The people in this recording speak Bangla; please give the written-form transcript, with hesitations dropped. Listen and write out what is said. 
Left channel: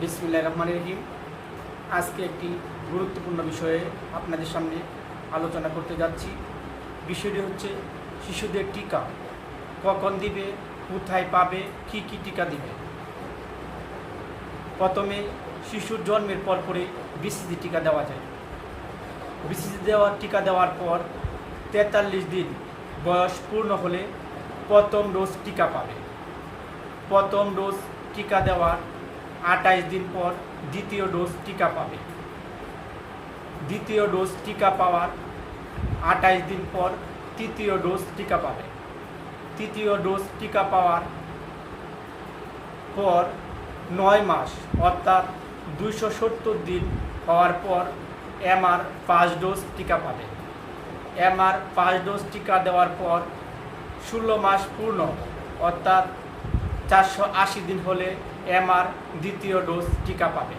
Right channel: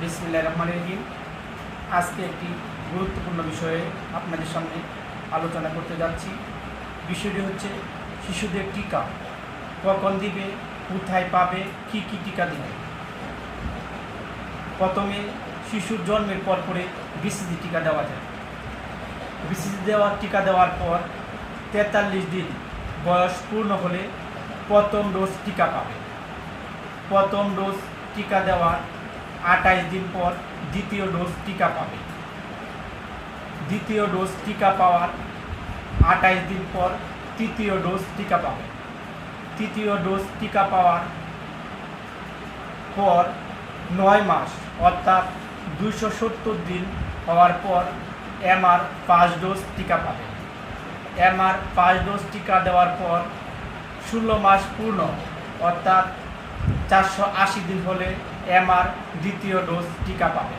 বিসমিল্লাহির রহমানির রহিম। আজকে একটি গুরুত্বপূর্ণ বিষয়ে আপনাদের সামনে আলোচনা করতে যাচ্ছি। বিষয়টি হচ্ছে শিশুদের টিকা কখন দিবে, কোথায় পাবে, কি কি টিকা দেবে। প্রথমে শিশুর জন্মের পরে বিসিজি টিকা দেওয়া যায়। বিসিজি টিকা দেওয়ার পর 43 দিন বয়স পূর্ণ হলে প্রথম ডোজ টিকা পাবে। প্রথম ডোজ টিকা দেওয়ার 28 দিন পর দ্বিতীয় ডোজ টিকা পাবে। দ্বিতীয় ডোজ টিকা পাওয়ার 28 দিন পর তৃতীয় ডোজ টিকা পাবে। তৃতীয় ডোজ টিকা পাওয়ার পর 9 মাস অর্থাৎ 270 দিন হওয়ার পর এমআর 5 ডোজ টিকা পাবে। এমআর 5 ডোজ টিকা দেওয়ার পর 16 মাস পূর্ণ অর্থাৎ 480 দিন হলে এমআর দ্বিতীয় ডোজ টিকা পাবে।